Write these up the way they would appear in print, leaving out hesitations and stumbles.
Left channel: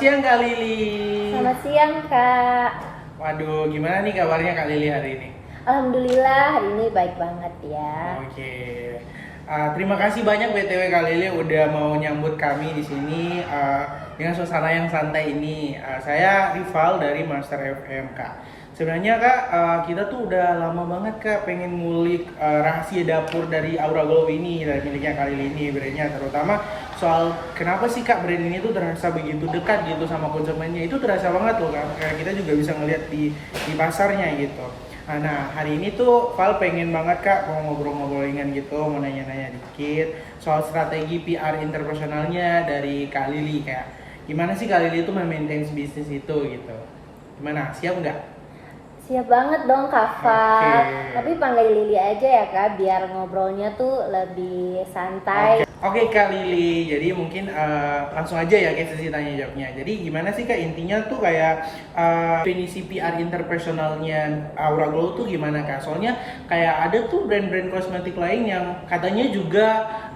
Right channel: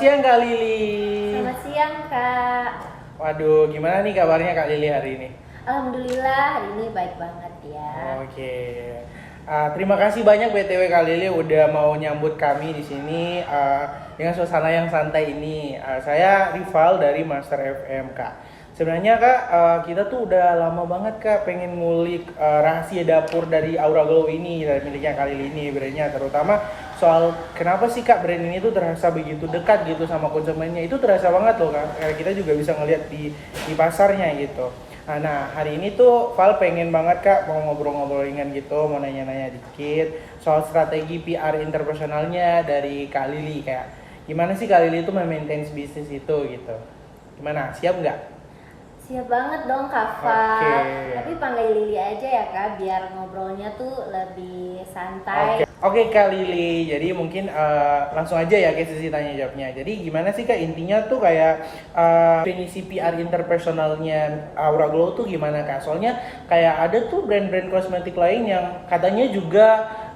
siang Kak Lili. Selamat siang Kak. Waduh, gimana nih kabarnya Kak Lili hari ini? Alhamdulillah hari ini baik banget ya. Oke. Terima kasih banyak BTW Kak Lili udah mau nyambut kami di sini dengan suasana yang santai ini. Saya Rival dari Master FM Kak. Sebenarnya Kak, kita tuh udah lama banget Kak pengen ngulik rahasia dapur dari Aura Glow ini, dari miliknya Kak Lili ini brandnya, terutama soal kenapa sih Kak brand ini tuh terasa begitu dekat gitu sama konsumennya. Itu terasa banget loh Kak, kayak kita juga bisa ngeliat di pasarnya gitu. Nah hari ini tuh Val pengen banget Kak mau ngobrol-ngobrolin gitu, mau nanya-nanya dikit soal strategi PR interpersonalnya dari Kak Lili. Kayak gimana sih Kak Lili tuh memaintain bisnis itu gitu. Gimana, siap nggak? Siap banget dong Kak Fat. Oke. Tapi panggil Lili aja ya Kak, biar ngobrolnya tuh lebih santai. Oke Kak Lili, jadi mungkin langsung aja ya ke sesi tanya jawabnya. Jadi gimana sih Kak intinya tuh kayak definisi PR interpersonalnya Aura Glow tuh gimana Kak? Soalnya kayak ada tuh brand-brand kosmetik lain yang katanya juga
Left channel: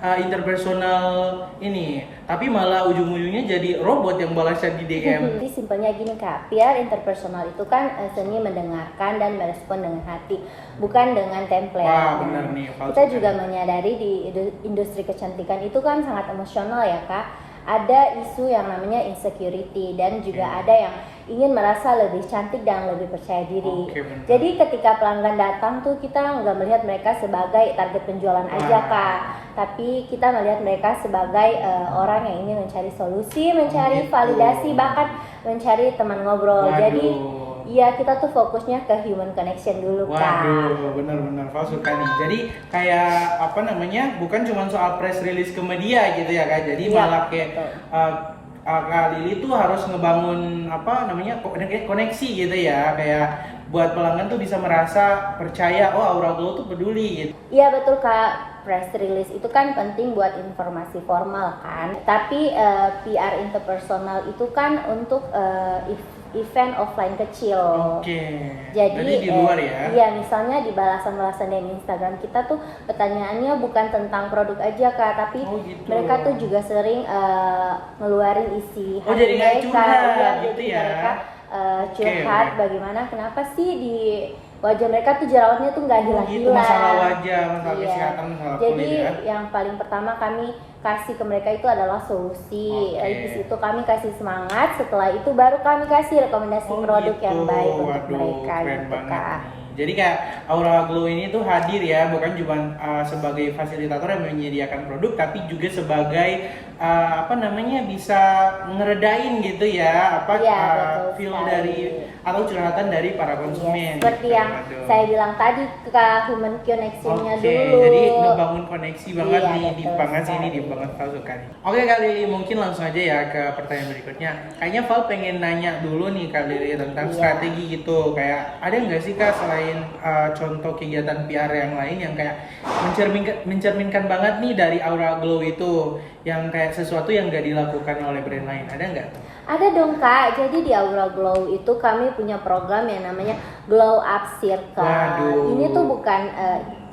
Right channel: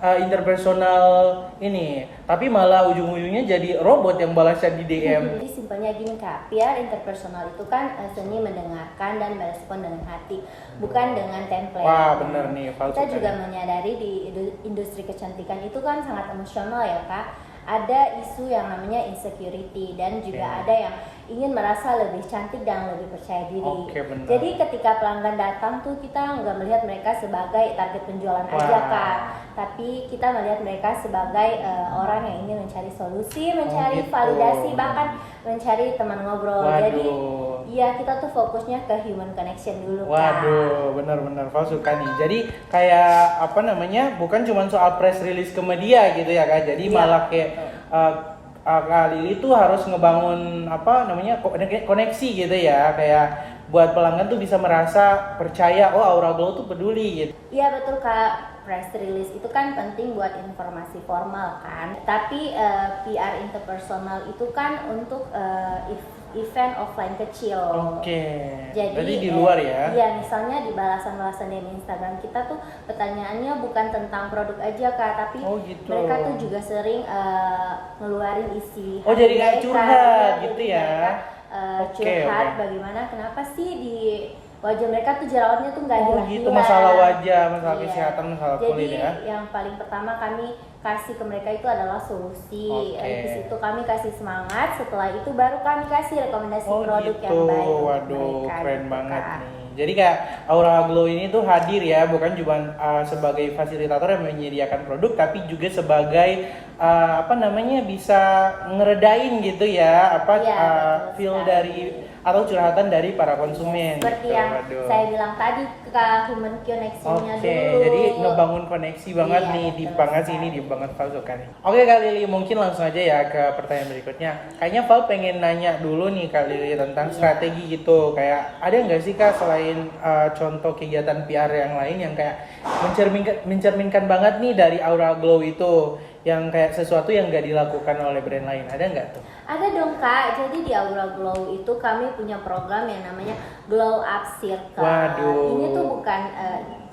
interpersonal ini, tapi malah ujung-ujungnya jadi robot yang balasnya di DM. Jadi simpelnya gini Kak, PR interpersonal itu kan seni mendengarkan dan merespon dengan hati, bukan dengan template. Wah bener nih. Kita juga menyadari di industri kecantikan itu kan sangat emosional ya Kak. Ada isu yang namanya insecurity dan juga ada yang ingin merasa lebih cantik dan lebih percaya diri. Bener. Jadi ketika pelanggan datang tuh kita nggak melihat mereka sebagai target penjualan aja Kak, tapi kita melihat mereka sebagai orang yang ingin mencari solusi, mencari validasi, bahkan mencari teman ngobrol. Waduh. Jadi iya, kita tuh fokusnya ke human connection dulu Kak. Waduh, benar-benar Kau suka nih. Jadi kayak apa namanya, bukan cuma soal press release ke media gitu ya Kak. Jadi Iya, malah kayak Kak Lili tuh harus ngebangun apa namanya koneksi gitu ya, kayak buat pelanggan tuh bisa merasa percaya, oh Aura Glow tuh peduli gitu. Iya betul Kak, press release itu kan penting buat informasi formal kan. Tapi PR interpersonal itu kan untuk event offline kecil. Oke. Jadi di luar ya? Iya, misalnya di balasan-balasan dari Instagram kita tuh pertanyaannya bukan tentang produk aja Kak, tapi gitu. mereka tuh juga sering ngeluarin isi hati jadi kayak mereka. curhat Iya, gitu jadi ya? mereka curhat bagaimana kenapa sih di wajah mereka tuh jerawatnya tuh nggak hilang-hilang. Gitu, masalah wajah, masalah Iya. kesehatan, masalah Jadi kulit ya? yang paling pertama kami kasih ke mereka itu adalah solusi. Di situ kami kasih semangat. Setelah itu baru kami kasih rekomendasi produk yang baik untuk mereka. Keren gitu banget Kak. nih. Jadi kayak Aura Glow ini tuh hadir ya, bukan cuma sebagai fasilitator yang menyediakan produk, tapi juga sebagai apa namanya bisa ngeredain gitu ya, apa Iya, feel sekali. dari atau curhatan dari para konsumen. Seperti gitu. yang Waduh. saya bilang tadi ke human connection-nya Oke, dulu. jadi ngebangun koneksi banget Iya, nih, di betul banget sih ini, sekali. di banget Val suka nih. Oke Kak Lili, mungkin langsung aja ya ke pertanyaan berikutnya. Kayaknya Val pengen nanya dulu nih Kak Lili tentang strategi gitu. Kayak ada nggak sih Kak selain contoh kegiatan PR yang lain yang kayak mencerminkan banget nih dari Aura Glow itu, yang kayak sesuatu yang nggak dilakukan oleh brand lain, ada nggak tuh? Ada dong Kak, jadi di Aura Glow itu kami punya program yang namanya Glow Up Circle. Waduh. Ini tuh bukan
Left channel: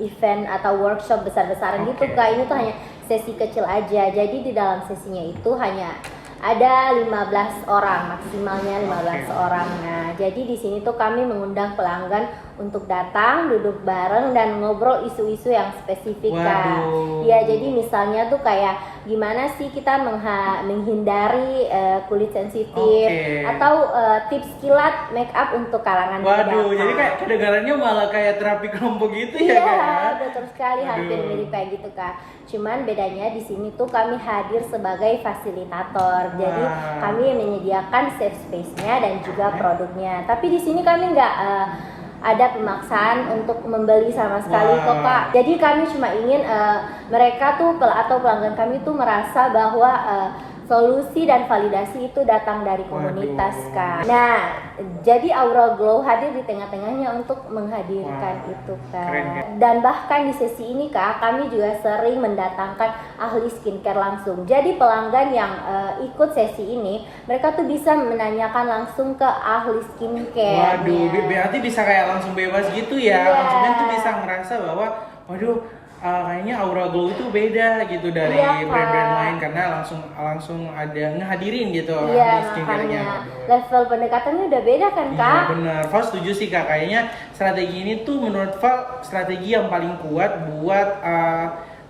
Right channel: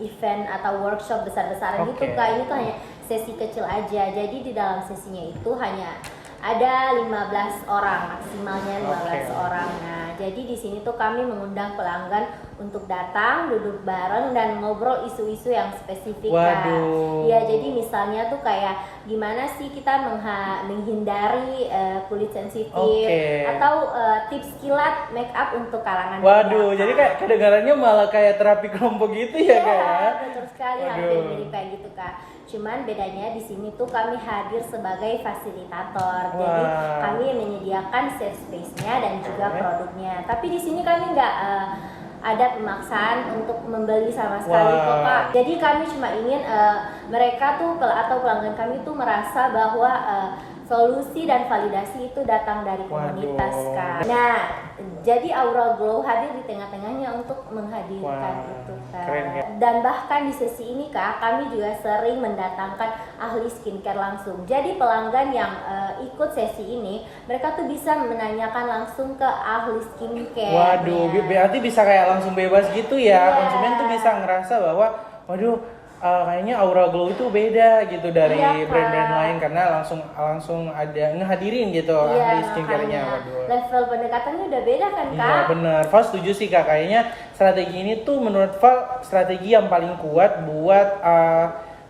event atau workshop besar-besaran gitu Kak, ini tuh hanya sesi kecil aja. Jadi di dalam sesinya itu hanya ada 15 orang, maksimalnya 15 orang. Nah, jadi di sini tuh kami mengundang pelanggan untuk datang, duduk bareng dan ngobrol isu-isu yang spesifik Kak. Ya, jadi misalnya tuh kayak gimana sih kita menghindari kulit sensitif atau tips kilat make up untuk kalangan muda. Jadi kayak kedengarannya malah kayak terapi kelompok gitu ya Kak? Iya, betul sekali, hampir mirip kayak gitu Kak. Cuman bedanya di sini tuh kami hadir sebagai fasilitator. Jadi kami menyediakan safe space-nya dan juga produknya. Tapi di sini kami nggak ada pemaksaan untuk membeli sama sekali kok Kak. Jadi kami cuma ingin mereka tuh atau pelanggan kami tuh merasa bahwa solusi dan validasi itu datang dari komunitas Kak. Nah, jadi Aura Glow hadir di tengah-tengahnya untuk menghadirkan itu Kak. Dan bahkan di sesi ini Kak, kami juga sering mendatangkan ahli skincare langsung. Jadi pelanggan yang ikut sesi ini, mereka tuh bisa menanyakan langsung ke ahli skincare. Waduh, berarti bisa kayak langsung bebas gitu ya. Konsumen tuh bisa ngerasa bahwa waduh, kayaknya Aura Glow itu beda gitu dari Iya, Kak. brand-brand lain karena langsung ada ngehadirin gitu Iya, ahli skincare-nya. makanya Waduh. level pendekatannya udah beda kan, Iya Kak? benar, Val setuju sih Kak. Kayaknya strategi ini tuh menurut Val strategi yang paling kuat buat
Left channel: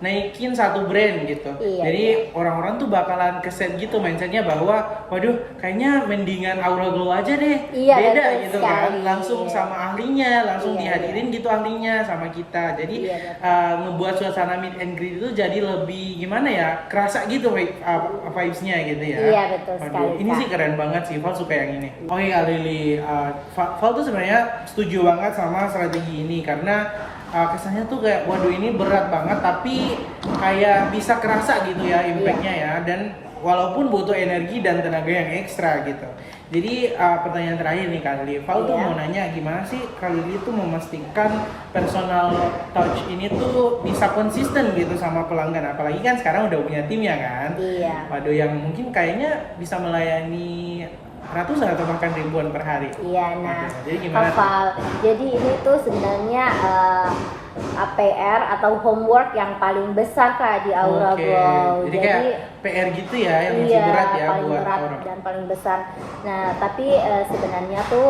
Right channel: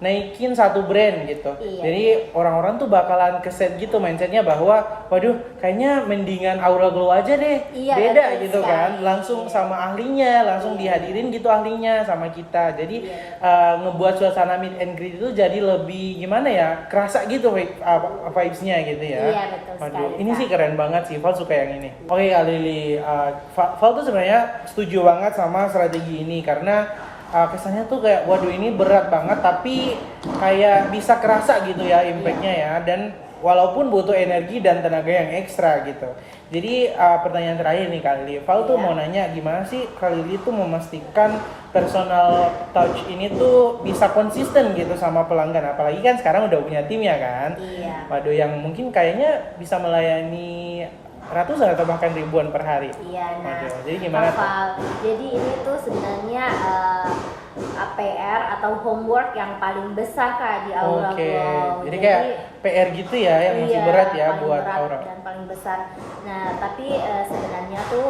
naikin satu brand gitu. Iya, Jadi orang-orang tuh bakalan keset gitu mindsetnya bahwa waduh kayaknya mendingan Aura Glow aja deh, Iya, beda betul gitu kan, sekali. langsung Iya. sama ahlinya, langsung Iya, dihadirin gitu ahlinya sama kita. Jadi Iya, betul. ngebuat suasana meet and greet itu jadi lebih gimana ya, kerasa gitu vibes-nya gitu ya. Iya, betul Waduh, sekali, ini Kak. sih keren banget sih, Val suka yang ini. Oke Kak Lili, Val tuh sebenarnya setuju banget sama strategi ini karena kesannya tuh kayak waduh ini berat banget tapi kayak bisa kerasa gitu ya impactnya ya, dan walaupun butuh energi dan tenaga yang ekstra gitu. Jadi pertanyaan terakhir nih Kak Lili, Val tuh Iya. mau nanya gimana sih Kak Lili tuh memastikan personal touch ini tuh bisa konsisten gitu sama pelanggan, apalagi kan sekarang udah punya tim ya kan. Iya. Waduh, yang mungkin kayaknya bisa melayani ratusan atau bahkan ribuan per hari. Iya, nah, Oke, jadi gimana tuh? Kak, jadi ini tuh sebenarnya APR atau homework yang paling besar Kak di Aura Oke, Glow. jadi kayak PR gitu ya yang masih iya, berat ya paling buat berat Aura. dan paling besar. Nah, tapi sebenarnya tuh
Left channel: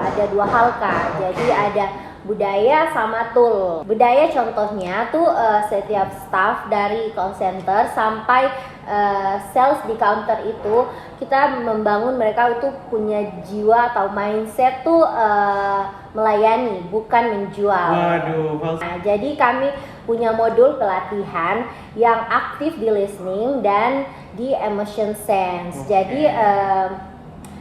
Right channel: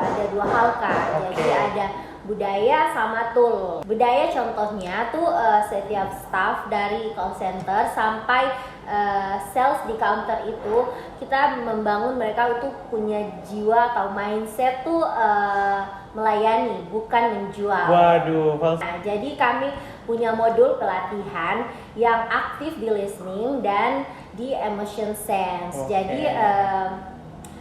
ada dua hal Kak. Jadi ada budaya sama tool. Budaya contohnya tuh setiap staff dari call center sampai sales di counter itu kita membangun mereka itu punya jiwa atau mindset tuh melayani bukan menjual. Waduh, Nah, jadi kami punya modul pelatihan yang aktif di listening dan di emotion sense. Oke. Jadi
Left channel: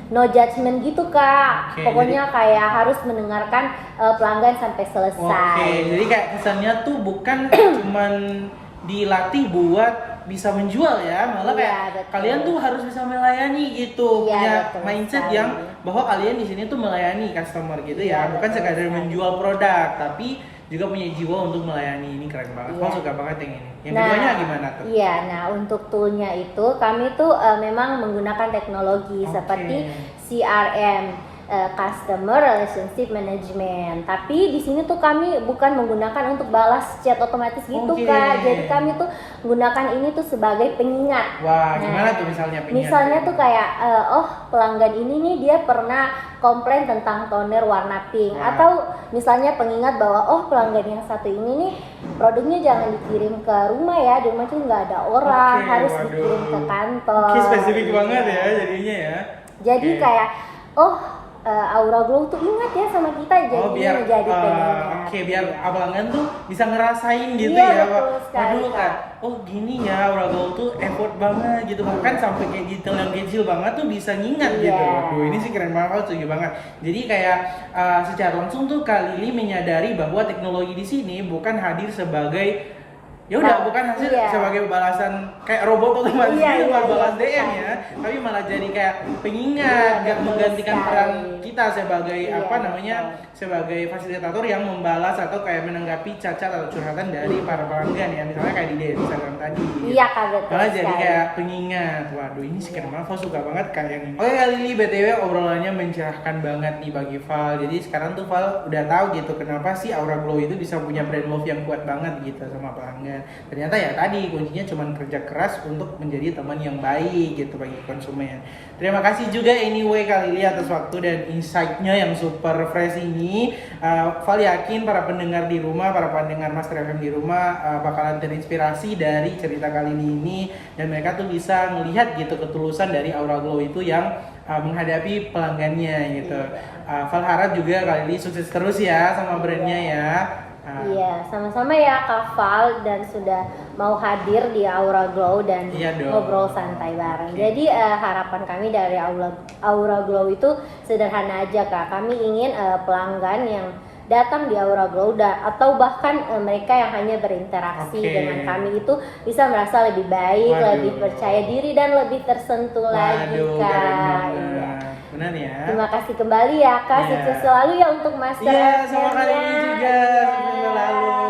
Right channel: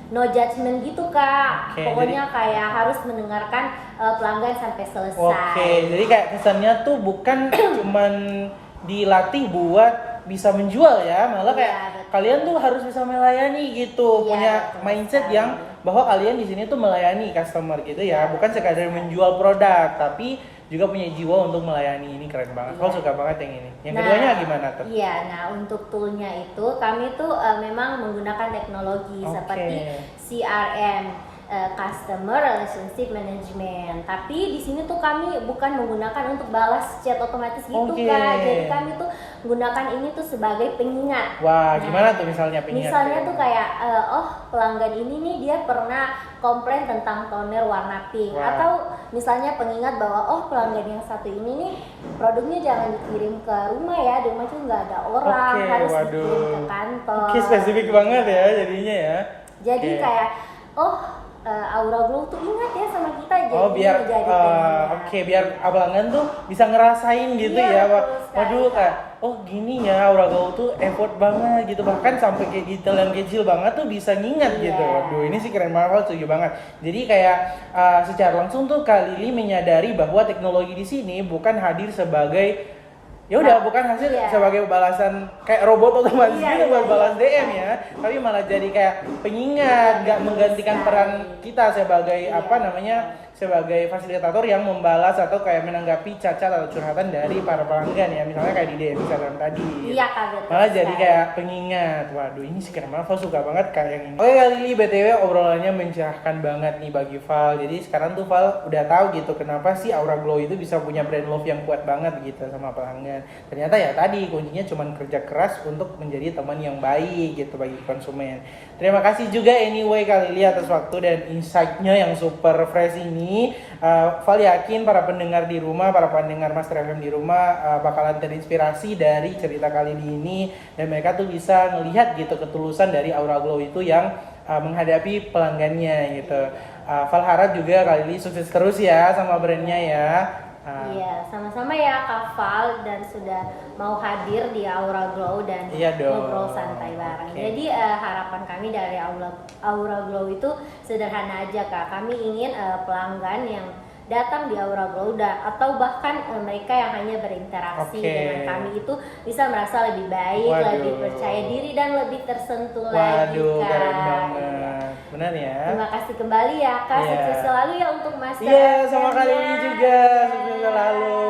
no judgment gitu Kak. Oke, Pokoknya kayak harus mendengarkan pelanggan sampai selesai. Oke, jadi kayak kesannya tuh bukan cuman dilatih buat bisa menjual ya, malah Iya, kayak betul. kalian tuh harus bisa melayani gitu, Iya, punya betul mindset sekali. yang bahwa kalian di sini tuh melayani customer gitu Iya, ya, bukan betul sekadar sekali. menjual produk, tapi juga punya jiwa untuk melayani. Ini keren banget. Iya. Kau suka banget yang ini. Yang keduanya gimana tuh? Iya, nah untuk toolnya itu kami tuh memang menggunakan teknologi Oke. seperti CRM, Customer Relationship Management. Tapi di sini tuh kami bukan menggunakan untuk balas chat otomatis gitu Oke. Kak. Jadi kami tuh menggunakan ini tuh sebagai pengingat. Wah, Nah, gimana tuh misalnya? pengingat? Misalnya tuh kayak oh pelanggan ini nih dia pernah komplain tentang toner warna pink. Wah. Atau misalnya pengingat bahwa oh pelanggan yang satu ini nih produknya jangan dikirim ke rumah ya, di rumah itu nggak ada orang, Oke, harus waduh. dikirim ke kantor. Oke, spesifik banget ya Iya. jadinya ya. Jadi Oke. kayak Aura Glow tuh ingat ya sama kita, jadi Oh biar menjadi pengingat. oke, biar Iya. pelanggan tuh bisa ngerasain gitu Iya, ya. betul sekali, Waduh, Kak. Kak. Oh gini ya, Aura Glow tuh effort banget gitu, bahkan sampai kayak detail yang kecil banget tuh bisa ngingat gitu. Iya. Waduh, ini sih keren banget, setuju banget. Jadi kayak secara langsung tuh Kak Lili menyadari bahwa teknologi di sini bukan hadir sebagai ya udah bukan hasil Iya. sebagai balasan kayak robot otomatis Iya, gitu iya, buat balas iya, DM bukan. ya, tapi malah jadi kayak pengingat, Iya, nggak betul menggantikan sekali. peran kita sebagai Iya, apa namanya sebagai fasilitator yang membalas atau kayak menanggapi cacat atau curhatan dari para pelanggan ya, misalnya kayak di DM Instagram tadi. Iya Kak, betul Malah jadi sekali. kayak pengingat. Waduh, ini sih keren banget. Val suka banget kayak ini. Oke kali ini BTW obrolannya mencerahkan banget nih bagi Val. Jadi sekarang tuh Val udah tahu gitu kenapa sih Aura Glow itu bisa punya brand love yang kuat banget gitu sama pelanggan. Ternyata ya tadi kuncinya cuma kerja keras untuk menjadi teman yang baik gitu bagi konsumen. Terima kasih juga anyway Kak Lili atas waktu dan insight-nya yang super fresh ini. Val yakin para pendengar di rumah, para pendengar Master FM di rumah bakalan terinspirasi dari cerita Kak Lili ini, dan mereka tuh bisa melihat gitu ketulusan dari Aura Glow itu yang menghadapi pelanggannya gitu. Val harap juga Kak Lili sukses terus ya sama brandnya ya. Iya, sama-sama ya Kak Val, dan sudah mau hadir di Aura Glow dan Iya dong. ngobrol santai bareng. Jadi harapan kami dari Aura Glow itu sederhana aja Kak. Kami ingin pelanggan yang datang di Aura Glow atau bahkan mereka yang hanya berinteraksi Oke. dengan kami itu bisa merasa lebih baik, Waduh. lebih percaya diri dan lebih tersentuh lagi Waduh, Kak. keren Iya. banget. Benar ya. Terima kasih kembali ya Kak, Iya. sukses selalu ya untuk Master Iya, FM-nya. sama Kak Lili juga. Iya. Sukses selalu.